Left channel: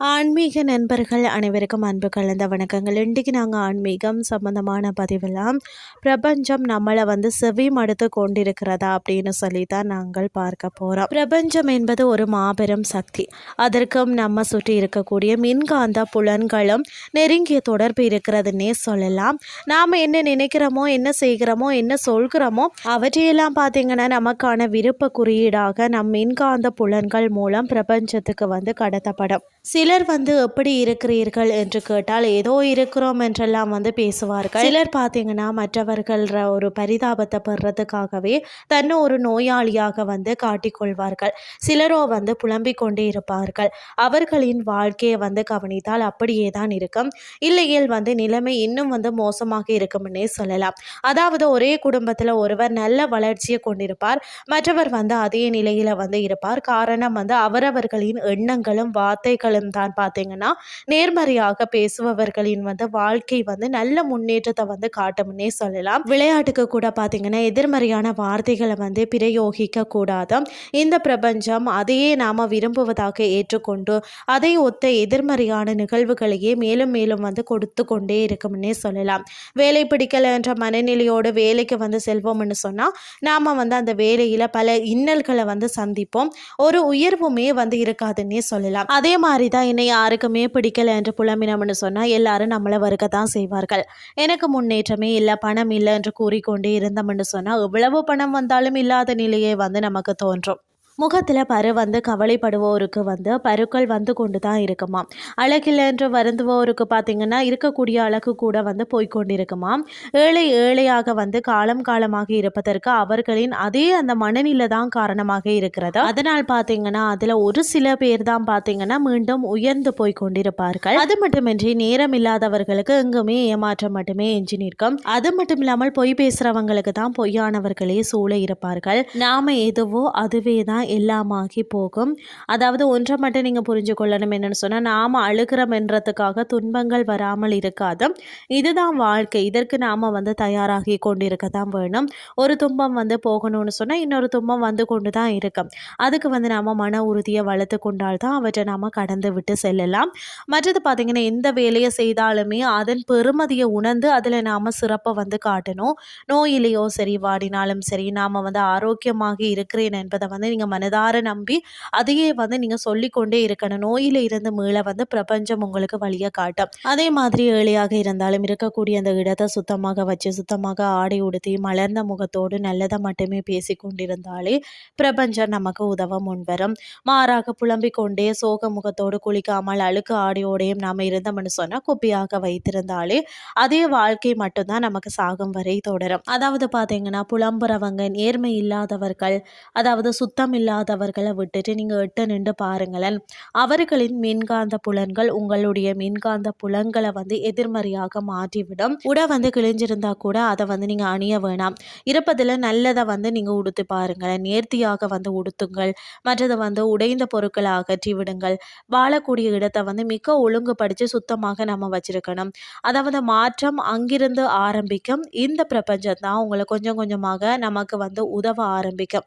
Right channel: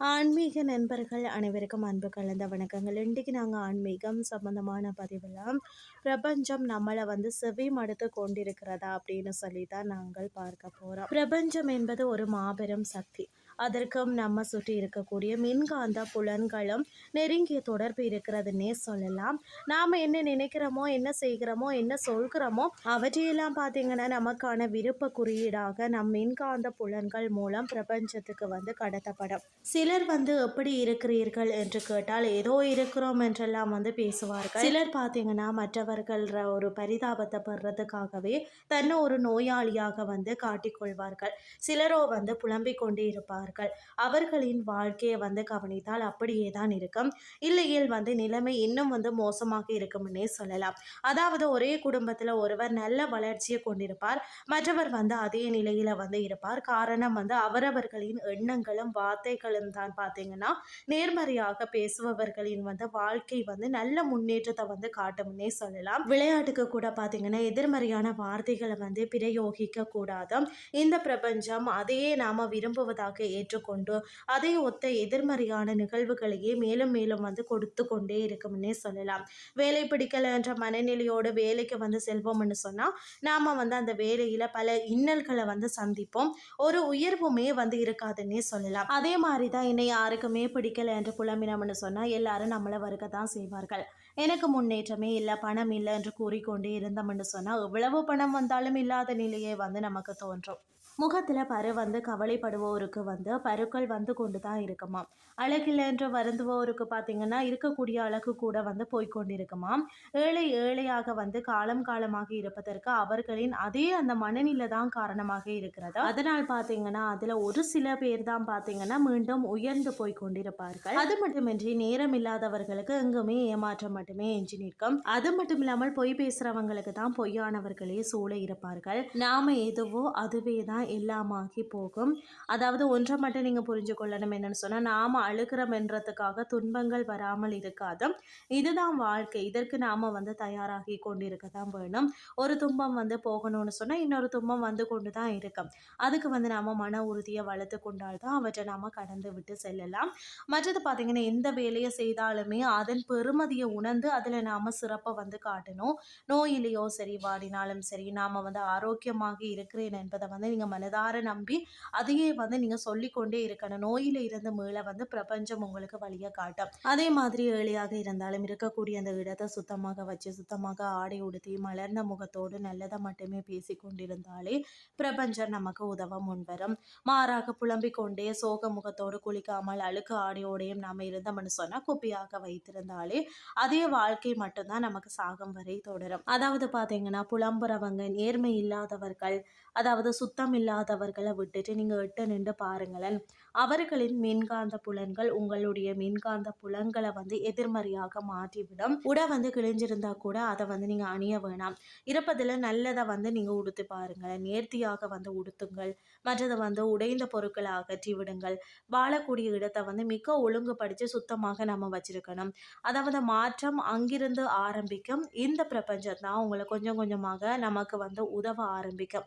ஆன்மீக நண்பர்கள் அனைவருக்கும் அன்பு கலந்த வணக்கங்கள். இன்றைக்கு நாங்கள் ஆன்மீகம் சம்பந்தமான பதிவெல்லாம் பிரபஞ்சம் நம்மளை வந்து செவி மடுத்து கொண்டிருக்கிறதா அப்படின்னு சொல்லி தான் நாங்கள் பார்க்க போகிறோம் பிரபஞ்சம் என்பது ஒரு மாபெரும் சக்தி. அதற்கும் நம்ம சுற்றி இருக்கக்கூடிய மின்காந்த புலன்களும் நெருங்கிய தொடர்பு இருக்கிறதுன்னே சொல்லலாம். நாம் என்ன நினைக்கிறோமோ என்ன செய்கிறோமோ என்ன சொல்கிறோமோ அவற்றையெல்லாம் பார்த்தீங்கன்னா நமக்கான விருப்ப குறியீடாக நம் மின்காந்த புலன்கள் மூலம் பிரபஞ்சத்துக்கு வந்து கடத்தப்படும். சிலர் வந்து எப்படி இருக்கிறீர்கள் என்று கேட்டால் ஏதோ இருக்கிறோம் என்றெல்லாம் வந்து பேசுவார்கள். சிலர் பார்த்தீங்கன்னா மற்றவர்கள் ஒரு பரிதாபத்தை பெறதுக்காகவே தன்னை ஒரு நோயாளியாக வந்து காட்டிக்கொள்வார்கள். சிலரோ வந்து புலம்பிக் கொண்டே இருப்பார்கள். அவர்களின் வாழ்க்கையை வந்து கவனித்தால் அப்படியே தான் இருக்கும். இல்லையில் வந்து நிலைமை இன்னும் வந்து மோசமாக இருக்கும்னே சொல்லலாம். அதாவது ஒரே குடும்பத்தில் ஒருவர் நல்ல வளர்ச்சியை கொண்டிருப்பார். மற்றவர் வந்து அதே நிலையில் வந்து இருப்பார். காரணம் வந்து அவரவர்களின் எண்ணங்களும் வார்த்தைகளும் தான் பார்த்தீங்கன்னா நேர்மறையாக பேசுபவர்களின் வந்து வாழ்க்கை வந்து நல்ல முன்னேற்றத்தை வந்து காட்டும்னே சொல்லலாம். விளையாட்டுக்கு கூட பார்த்தீங்கன்னா எதிர்மறையான வார்த்தைகளை வந்து பிரயோகிக்க கூடாது. இந்த பிரபஞ்சம் அதையே நாம் விரும்புவதாக ஏற்றுக்கொண்டு அதை ஒத்த எதிர்மறையான நிகழ்வுகளையே மேலும் மேலும் வந்து கொடுத்து கொண்டே இருக்கும்னே சொல்லலாம். வேலை பிடிக்கல என்ற மனநிலையோடு வேலைக்கு வந்து செல்வோம்னு சொன்னால் நாம் வந்து அந்த வேலையில் பல இன்னல்களை வந்து சந்திப்போம். ஒரு உயர்வுமே வந்து இருக்காதுன்னே சொல்லலாம். அதே மாதிரி தான் தான் என்னை யாருக்குமே பிடிக்கல என்று புலம்பினோம்னு சொன்னால் எல்லாரும் நம்மளை வறுக்க தான் செய்வார்கள். எனக்கு முன்னேற்றமே இல்லை பணம் இல்லை என்று கூறிக்கொண்டே இருந்தோம்னு சொன்னால் எவ்வளவு பணம் வந்தாலும் இல்லாத நிலையே வந்து நமக்கு தோன்றும். முகத்தில் பரு வந்து கவலைப்படுவோருக்கு வந்து பருக்கள் வந்து கொண்டு தான் இருக்குமா? அழகில்லை என்று வருந்துவோருக்கு பார்த்திங்கன்னா இருக்கக்கூடிய அழகு கூட வந்து போய்கொண்டிருக்குமா ஏழை ஏழையாக வந்து காலம் காலமாக இருப்பதற்கு அவர்களின் அதே அந்த மனநிலை தான் காரணமாக இருக்கிறது. அதனால் பார்த்தீங்கன்னா அதில் ஒரு சில பேர் தான் பார்த்தீங்கன்னா மீண்டும் உயர்ந்து போய் கொண்டிருப்பார்கள். அது மட்டுமின்றி நேரம் இல்லாதவர்களுக்கு எங்குமே ஏமாற்றம் மட்டுமே எஞ்சி நிற்கும். அது மட்டும் இல்லாமல் பொய் பேசுகிறவங்களுக்கு தான் பொய்யானவர்களே சூழ இருப்பார்கள். நாம எதுவோ அதுவே தான் எல்லாமாகி போகும். அதாவது ஒன்றை மட்டும் நீங்கள் புரிஞ்சு கொள்ளணும் என்னென்னு சொன்னால் நாம் அழுகிறோம்ன்றதுக்காக துன்பங்கள் வராமல் இருக்காது. இதுதான் வாழ்க்கை. இதற்கு நாம் வந்து தயாராகி கொண்டிருக்க தான் வேணும். ஒரு துன்பம் வந்து போகணும்னு சொன்னால் இன்னொரு துன்பம் வந்து கொண்டு தான் இருக்கும். அதுக்கு வந்து நாம் மன உறுதியை வளர்த்து கொண்டால் தான் அவற்றை நாம் கடந்து விட்டு செல்லலாம். மற்றது பார்த்திங்கன்னா எந்த வேலையை செய்தாலுமே அதன் பெருமதியை உணர்ந்து அதில் நாம் சிறப்பை வந்து காட்டணும். நோயிலையோ சரி வாடினாலும் சரி நாம் வந்து ஆரோக்கியமாக இருக்கிறேன் என்பதை வந்து நீங்கள் மனதார நம்பி அதையே வந்து நீங்கள் சொல்லிக்கொண்டே இருக்கணும். நோயில் இருந்து மீள வந்து பிரபஞ்சம் உங்களுக்கு வழியை காட்டும். அதே மாதிரி ஏழையாக இருந்தாலும் இருக்கக்கூடிய அந்த இடத்தை சுத்தமாக வச்சு சுத்தமாக ஆடை உடுத்தி மலர்ந்த முகத்தோடு நல்லதை மட்டுமே பேசி கொண்டிருந்தாலே பிரபஞ்சம் நமக்கு உதவ முன்வரும் மாறாக புலம்பிக் கொண்டே சோக முகத்தோடு குளிக்காமல் அழுக்கு ஆடையோடையும் நாம் இருந்தோம்னு சொன்னால் குப்பியாக வைத்திருந்தாலே அதே வாழ்க்கை மட்டும்தான் நமக்கு சாகும் வரை தொடரும். அதாவது பார்த்தீங்கன்னா புலம்புறவங்க நேர்மை இல்லாதவர்கள் அதாவது சுத்தம் இல்லாதவர்களை விட்டுட்டு நீங்கள் எட்டு நின்று பாருங்களேன். அவர்களின் மின்காந்த புலன்கள் உங்களுடைய மின்காந்த புலன்களை வந்து எதிர்மறையாக மாற்றிவிடும். உடை வந்து கிழிஞ்சிருந்தா கூட அதை வந்து நீங்கள் அணிய வேணாம். இருப்பதில் நல்லதை வந்து நீங்கள் உடுத்து பாருங்களேன். நேர்த்தியாக வந்து உடுத்துங்கள். மற்றது வந்து உடைந்த பொருட்களை அகற்றி விடுங்கள். வாழக்கூடிய இடத்தை வந்து மிக ஒழுங்குபடித்து சுத்தமாக நம்ம வச்சிருக்கணும். அதாவது மாற்றம் அங்கிருந்து ஆரம்பிக்கும். இந்த பிரபஞ்சம் தான் உங்களை கொஞ்சம் கொஞ்சமாக நமக்கு வந்து உதவ ஆரம்பிக்கும்.